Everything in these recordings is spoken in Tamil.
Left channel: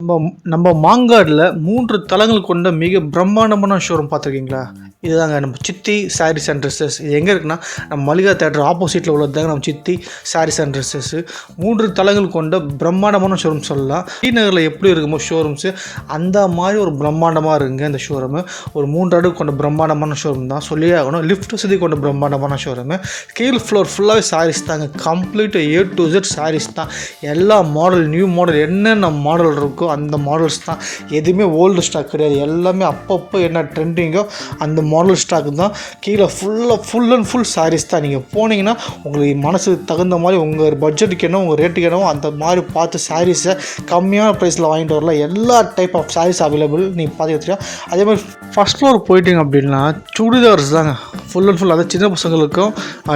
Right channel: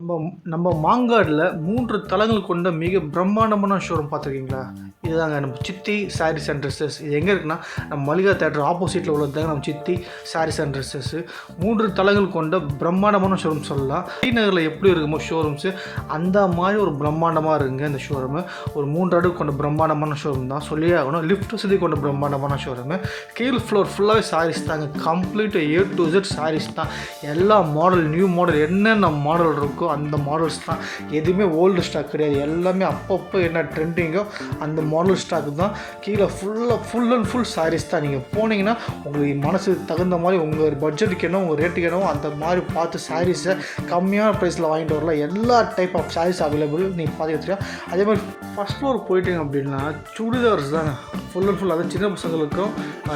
நம்ம மாங்காடுல 3 தளங்கள் கொண்ட மிக பிரம்மாண்டமான ஷோரூம் பார்த்துருக்கீங்களா? இதுதாங்க நம்ம சித்தி சாரீஸ் அண்ட் ட்ரெஸ்ஸஸ். இது எங்கே இருக்குன்னா, நம்ம மளிகா தியேட்டர் ஆப்போசிட்டில் உள்ளதுதாங்க நம்ம சித்தி சாரீஸ் அண்ட் ட்ரெஸ்ஸஸ்ஸு. 3 தளங்கள் கொண்ட பிரம்மாண்டமான ஷோரூம் சொல்லலாம். டி நகரில் எப்படி இருக்குமோ ஷோரூம்ஸு, அந்த மாதிரி ஒரு பிரம்மாண்டமாக இருக்குங்க இந்த ஷோரூமு. ஒரு 3 அடுக்கு கொண்ட பிரம்மாண்டமான ஷோரூம் தான் சொல்லியே ஆகணும். லிஃப்ட் வசதி கொண்ட பிரம்மாண்டமான ஷோரூமு. கீழ் ஃப்ளோர் ஃபுல்லாகவே சாரீஸ் தாங்க. Complete A to Z saris தான். எல்லா மாடல், நியூ மாடல் என்னென்ன மாடல் இருக்கோ அந்த மாடல்ஸ் தான். எதுவுமே ஓல்டு ஸ்டாக் கிடையாது. எல்லாமே அப்பப்போ என்ன ட்ரெண்டிங்கோ அந்த மாடல் ஸ்டாக் தான். கீழே ஃபுல் அண்ட் ஃபுல் சாரீஸ் தான். நீங்கள் போனீங்கன்னா உங்களுக்கு மனசுக்கு தகுந்த மாதிரி உங்கள் பட்ஜெட்டுக்கு என்ன, உங்கள் ரேட்டுக்கு என்ன அந்த மாதிரி பார்த்து சாரீஸை கம்மியான ப்ரைஸில் வாங்கிட்டு வரலாம். எல்லா டைப் ஆஃப் சாரீஸ் அவைலபிள் நீங்கள் பார்த்துக்கிட்டீங்க. அதே மாதிரி ஃபஸ்ட் ஃப்ளோர் போயிட்டீங்க அப்படின்னா சுடிதார்ஸ் தாங்க ஃபுல் அண்ட் ஃபுல். அதாவது சின்ன பசங்களுக்கும்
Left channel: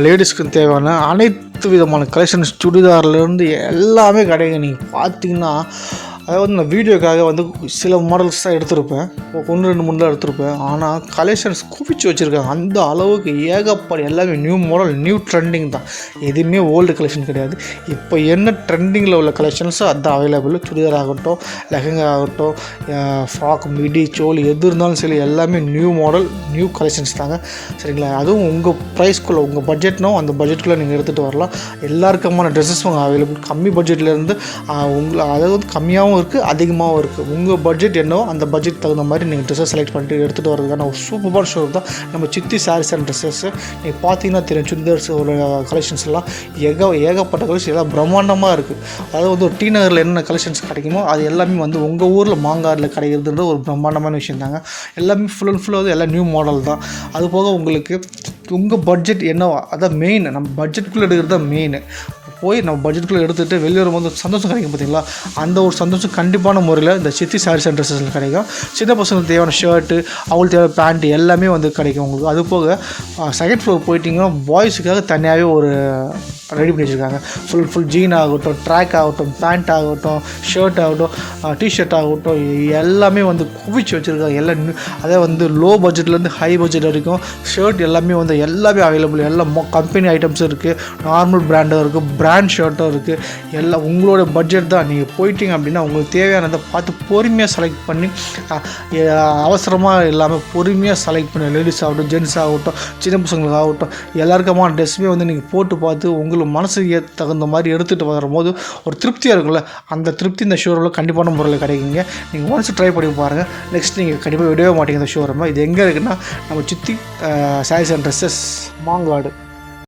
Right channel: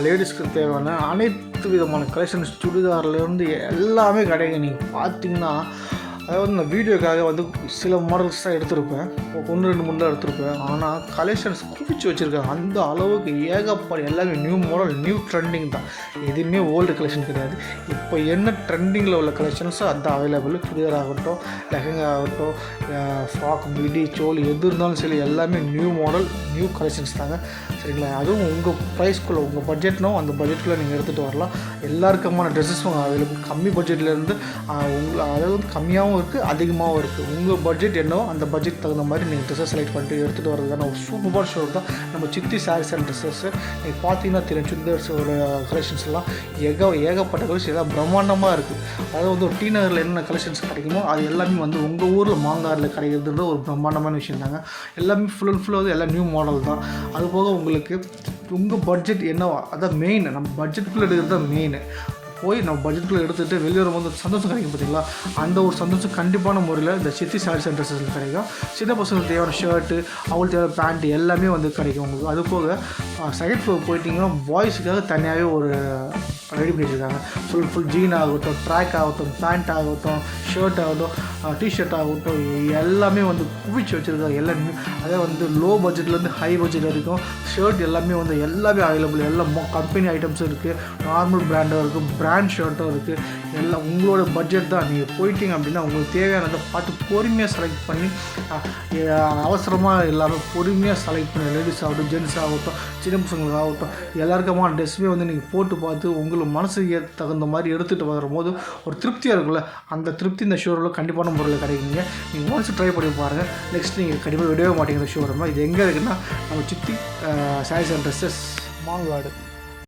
லேடிஸ்க்கும் தேவையான அனைத்து விதமான கலெக்ஷன்ஸ் சுடிதார்லேருந்து எல்லாமே கிடைக்கும். நீங்கள் பார்த்தீங்கன்னா அதாவது நான் வீடியோக்காக சில மாடல்ஸ் தான் எடுத்திருப்பேன், 1-2 3 தான் எடுத்திருப்பேன். ஆனால் கலெக்ஷன்ஸ் குவிச்சு வச்சுருக்காங்க. அந்த அளவுக்கு ஏகப்பட்ட எல்லாமே நியூ மாடல், நியூ ட்ரெண்டிங் தான். எதுவுமே ஓல்டு கலெக்ஷன் கிடையாது. இப்போ என்ன ட்ரெண்டிங்கில் உள்ள கலெக்ஷன்ஸோ அதுதான் அவைலபிள். சுடிதார் ஆகட்டும், லெஹங்கா ஆகட்டும், ஃப்ராக், மிடி, சோலி எது இருந்தாலும் சரி எல்லாமே நியூ மாடல், நியூ கலெக்ஷன்ஸ் தாங்க. சரிங்களா? அதுவும் உங்கள் ப்ரைஸ்க்குள்ளே, உங்கள் பட்ஜெட்னோ அந்த பட்ஜெட்டில் நீங்கள் எடுத்துகிட்டு வரலாம். எல்லாருக்குமான ட்ரெஸ்ஸஸும் அவைலபிள். கம்மி பட்ஜெட்லேருந்து அதாவது கம்மியாகவும் இருக்குது, அதிகமாகவும் இருக்குது. உங்கள் பட்ஜெட் என்னவோ அந்த பட்ஜெட் தகுந்த மாதிரி நீங்கள் ட்ரெஸ்ஸை செலக்ட் பண்ணிட்டு எடுத்துகிட்டு வரதுக்கான ஒரு சூப்பரான ஷோ தான் நம்ம சித்தி சாரீஸ் அண்ட் ட்ரெஸ்ஸஸ்ஸு. நீங்கள் பார்த்தீங்கன்னா தெரியும், சுடிதார்ஸ் கலெக்ஷன்ஸ் எல்லாம் ஏகப்பட்ட கலெக்ஷன் எல்லாம் பிரம்மாண்டமாக இருக்குது. அதாவது டி நகரில் என்னென்ன கலெக்ஷன்ஸ் கிடைக்குமோ அது எல்லாமே உங்கள் ஊரில் மாங்காடில் கிடைக்கிறதுன்ற ஒரு பிரம்மாண்டமான விஷயம் தாங்க. எல்லாமே ஃபுல் அண்ட் ஃபுல்லாக எல்லாம் நியூ மாடல் தான். அது போக உங்களுக்கு உங்கள் பட்ஜெட் என்னவோ அதான் மெயின். நம்ம பட்ஜெட்டுக்குள்ளே எடுக்கிறது தான் மெயின். போய் நம்ம பட்ஜெட்டுக்குள்ளே எடுத்துகிட்டு வெளியே வரும்போது சந்தோஷம் கிடைக்கும் பார்த்தீங்களா? அந்த ஒரு சந்தோஷம் கண்டிப்பான முறையில் இந்த சித்தி சாரீஸ் அண்ட் ட்ரெஸ்ஸஸில் கிடைக்கும். சின்ன பசங்களுக்கு தேவையான ஷர்ட்டு, அவங்களுக்கு தேவையான பேண்ட்டு எல்லாமே கிடைக்கும் உங்களுக்கு. அது போக செகண்ட் ஃப்ளோர் போயிட்டிங்கன்னா பாய்ஸுக்காக தனியாகவே ஒரு ரெடி பண்ணி வச்சுருக்காங்க. ஃபுல் ஜீன் ஆகட்டும், ட்ராக் ஆகட்டும், பேண்ட் ஆகட்டும், ஷர்ட் ஆகட்டும், டிஷர்ட் ஆகட்டும் எல்லாமே குவிச்சு வச்சுருக்காங்க. எல்லாம் அதே லோ பட்ஜெட்லேருந்து ஹை பட்ஜெட் வரைக்கும் ஷர்ட் எல்லாமே எல்லாமே அவைலபிள். எல்லாம் கம்பெனி ஐட்டம்ஸும் இருக்குது, நார்மல் பிராண்டும் இருக்குது, பிராண்ட் ஷர்ட்டும் இருக்குது. எல்லாம் உங்களோட பட்ஜெட் தான். நீங்கள் போயிட்டீங்க அப்படின்னா உங்களுக்கு தேவையானதை பார்த்து பொறுமையாக செலக்ட் பண்ணி, அவசரமாக இல்லாமல் பொறுமையாக செலக்ட் பண்ணி, லேடிஸ் ஆகட்டும், ஜென்ட்ஸ் ஆகட்டும், சின்ன பசங்களுக்கு ஆகட்டும், எல்லாருக்குமான ட்ரெஸ்ஸுமே நீங்கள் போட்டு பார்த்து உங்களுக்கு மனசுக்கு தகுந்த மாதிரி எடுத்துகிட்டு வரும்போது ஒரு திருப்தியாக இருக்குல்ல, அந்த திருப்தி இந்த ஷோரூமில் கண்டிப்பான முறையில் கிடைக்குங்க. நீங்கள் ஒன்ஸ் ட்ரை பண்ணி பாருங்கள். நெக்ஸ்ட் நீங்கள் கண்டிப்பாக விடவே மாட்டீங்க இந்த ஷோரூமை. இது எங்கே இருக்குன்னா நம்ம சித்தி சாரீஸ் அண்ட் ட்ரெஸ்ஸஸ், மாங்காடு.